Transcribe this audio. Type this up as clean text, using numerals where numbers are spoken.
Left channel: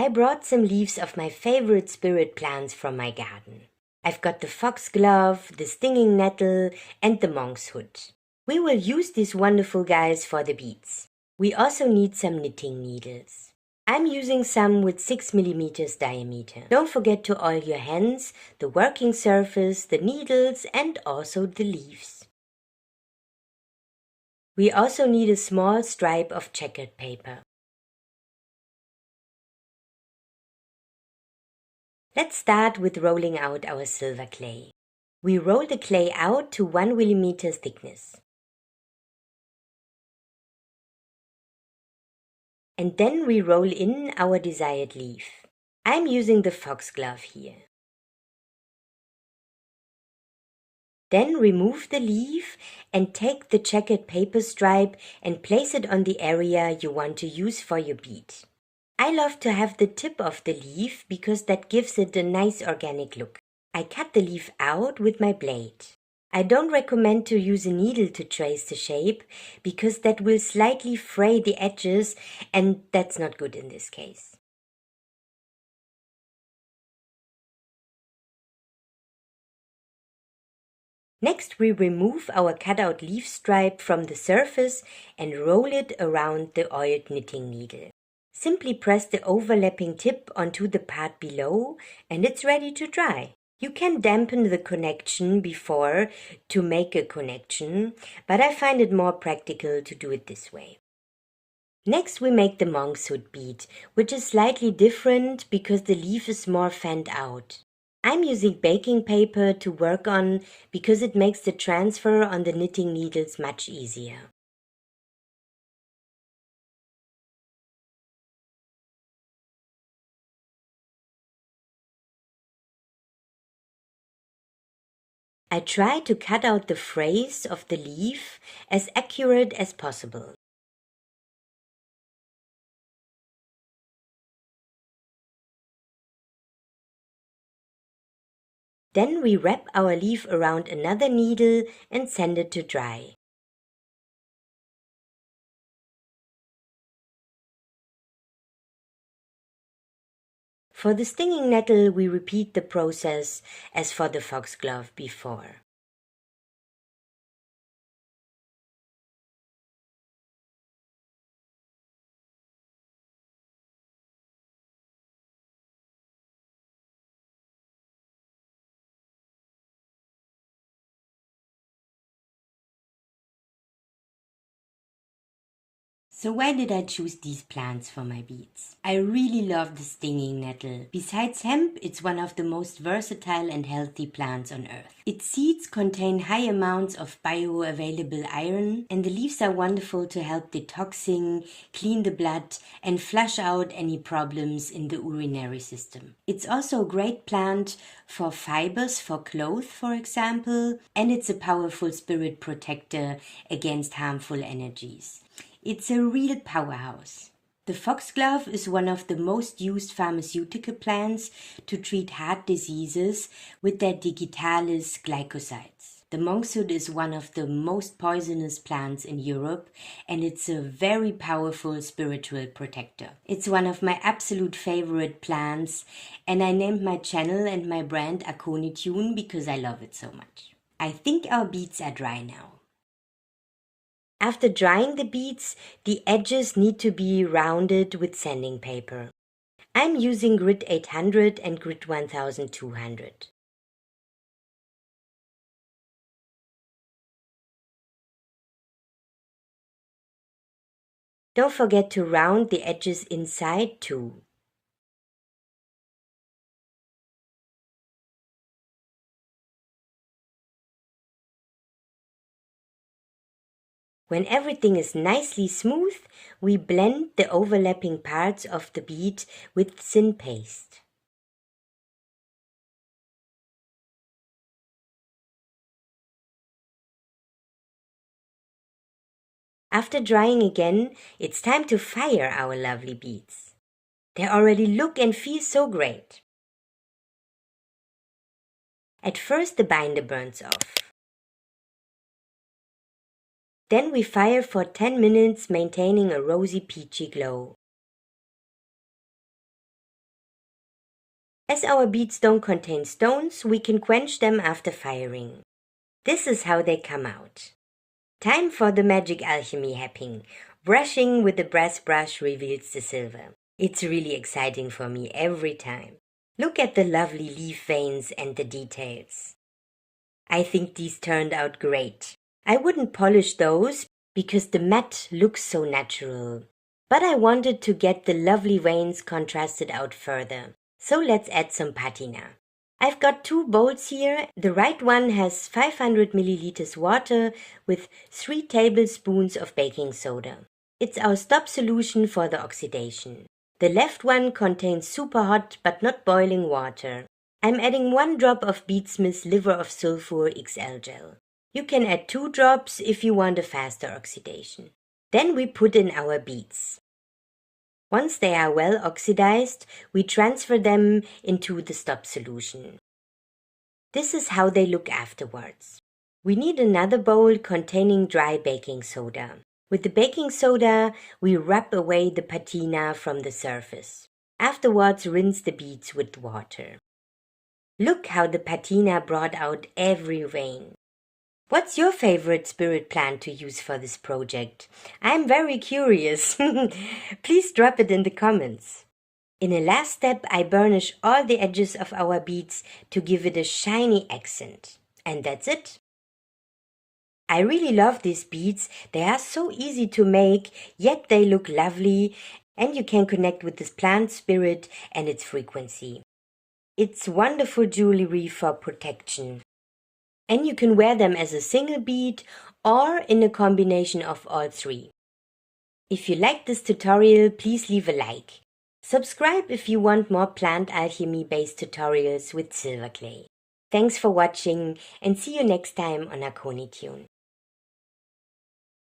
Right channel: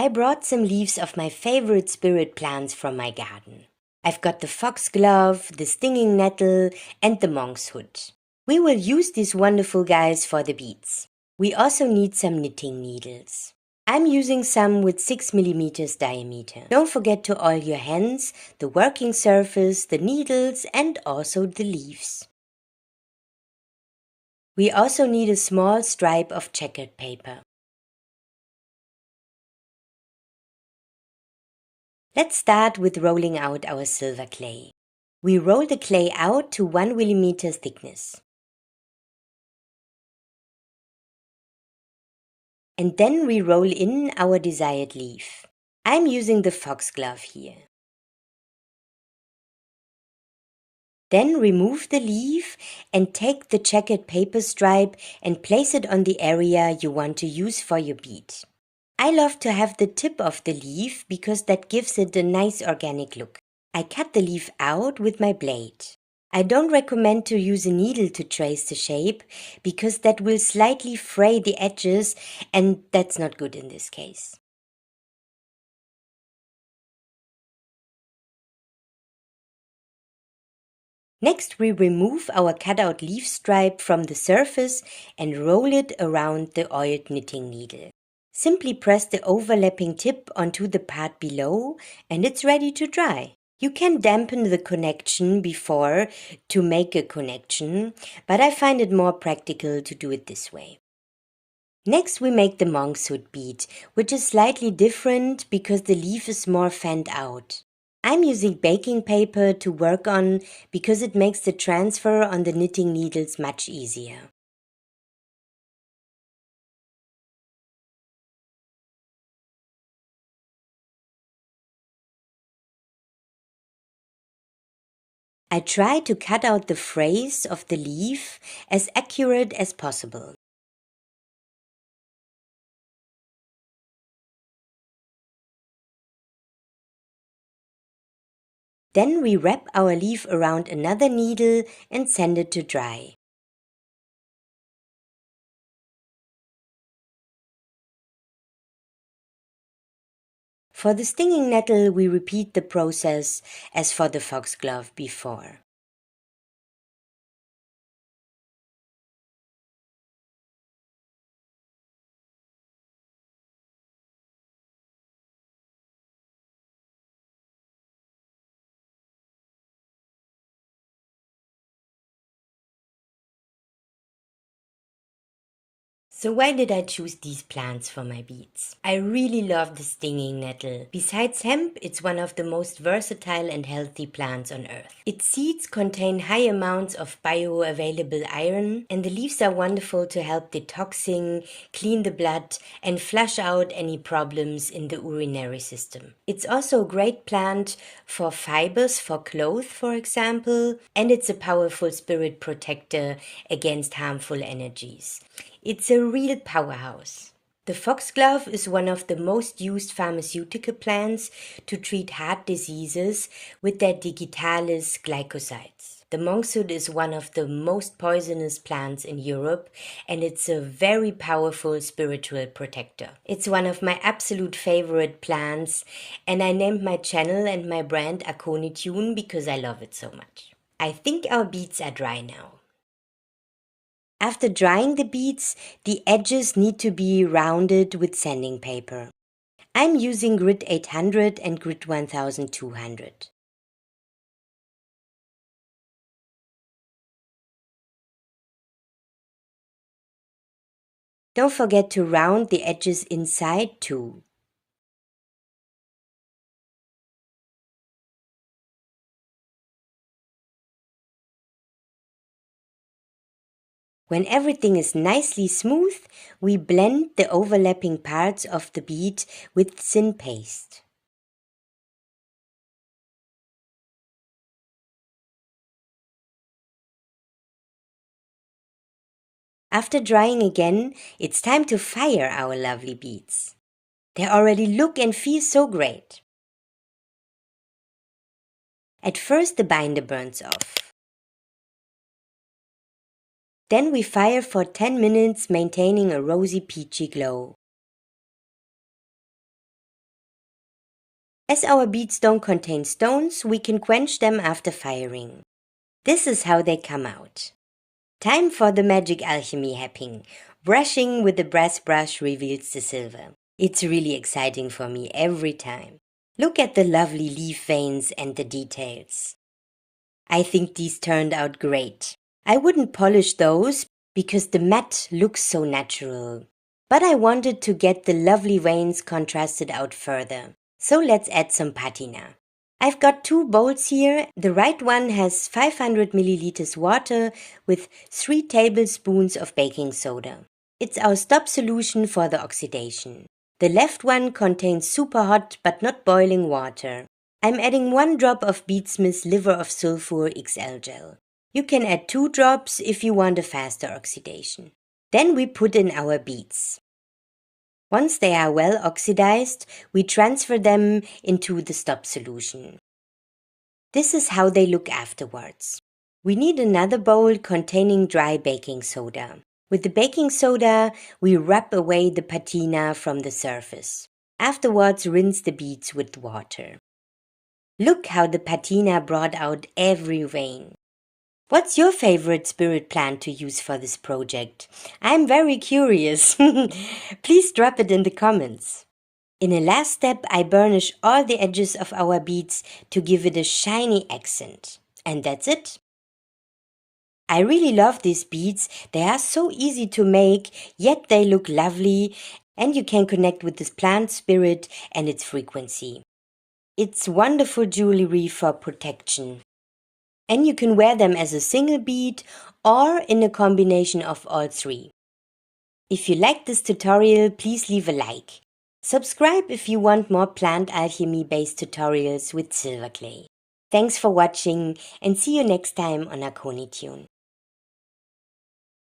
I brought some leaves of my favorite spirit plants from my garden. I've got the foxglove, the stinging nettle, and the monkshood. We will use these wonderful guys for the beads. We also need some knitting needles. I'm using some with 6 mm diameter. Don't forget to oil your hands, the working surface, the needles, and also the leaves. We also need a small stripe of checkered paper. Let's start with rolling out our silver clay. We roll the clay out to 1 mm thickness. And then we roll in our desired leaf. I'm using the foxglove here. Then remove the leaf and take the checkered paper stripe and place it on the area you want to use for your bead. I love to have the tip of the leaf because that gives it a nice organic look. I cut the leaf out with my blade. I don't recommend to use a needle to trace the shape because that will slightly fray the edges, and that's not good in this case. Next, we remove our cutout leaf stripe from the surface and roll it around the oiled knitting needle. Simply press the overlapping tip onto the part below and it's ready to dry. You can dampen the connection before to make a connection, but I find it more practical to do it this way. Next, we make the monkshood bead, which is slightly different because the leaf is more fanned out. I'm using baking paper to work on because it makes the transfer on the knitting needles much easier. I try to cut out the frays of the leaf as accurate as possible. Then we wrap our leaf around another needle and send it to dry. For the stinging nettle, we repeat the process as for the foxglove before. So why did I choose these plants for my beads? I really love the stinging nettle. Besides hemp, it's one of the most versatile and healthy plants on earth. Its seeds contain high amounts of bioavailable iron, and the leaves are wonderful to help detoxing, clean the blood, and flush out any problems in the urinary system. It's also a great plant for fibers for clothes, for example, and it's a powerful spirit protector against harmful energies. It's a real powerhouse. The foxglove is one of the most used pharmaceutical plants to treat heart diseases with their digitalis glycosides. The monkshood is one of the most poisonous plants in Europe, and it's a very powerful spiritual protector. It's one of my absolute favorite plants, and I named my channel and my brand Aconitune because I love it so much. I think our beads are dry now. After drying the beads, the edges need to be rounded with sanding paper. I'm using grit 800 and grit 1200. Don't forget to round the edges inside too. When everything is nicely smooth, we blend the overlapping parts of the bead with thin paste. After drying again, it's time to fire our lovely beads. They already look and feel so great. At first the binder burns off. Then we fire for 10 minutes, maintaining a rosy peachy glow. As our beads don't contain stones, we can quench them after firing. This is how they come out. Time for the magic alchemy happening. Brushing with the brass brush reveals the silver. It's really exciting for me every time. Look at the lovely leaf veins and the details. I think these turned out great. I wouldn't polish those because the matte looks so natural. But I wanted to get the lovely veins contrasted out further. So let's add some patina. I've got 2 bowls here. The right one has 500 milliliters water with 3 tablespoons of baking soda. It's our stop solution for the oxidation. The left one contains super hot but not boiling water. I'm adding 1 drop of Beadsmith's liver of Sulfur XL Gel. You can add 2 drops if you want a faster oxidation. Then we put in our beads. Once they are well oxidized, we transfer them into the stop solution. This is how they look afterwards. We need another bowl containing dry baking soda. With the baking soda, we rub away the patina from the surface. Afterwards, rinse the beads with water. Look how the patina brought out every vein. What's your favorite spirit plant to use for this project? I'm very curious. Please drop it in the comments. In a last step, I burnish all the edges of our beads to give it a shiny accent. And that's it. I really love these beads. They are so easy to make, yet they look lovely, and you can connect with this plant spirit and its frequency. It's wonderful jewelry for protection. And you can wear them as a single bead or in a combination of all 3. If you like this tutorial, please leave a like. Subscribe if you want more plant alchemy based tutorials with silver clay. Thanks for watching and see you next time on Aconitune.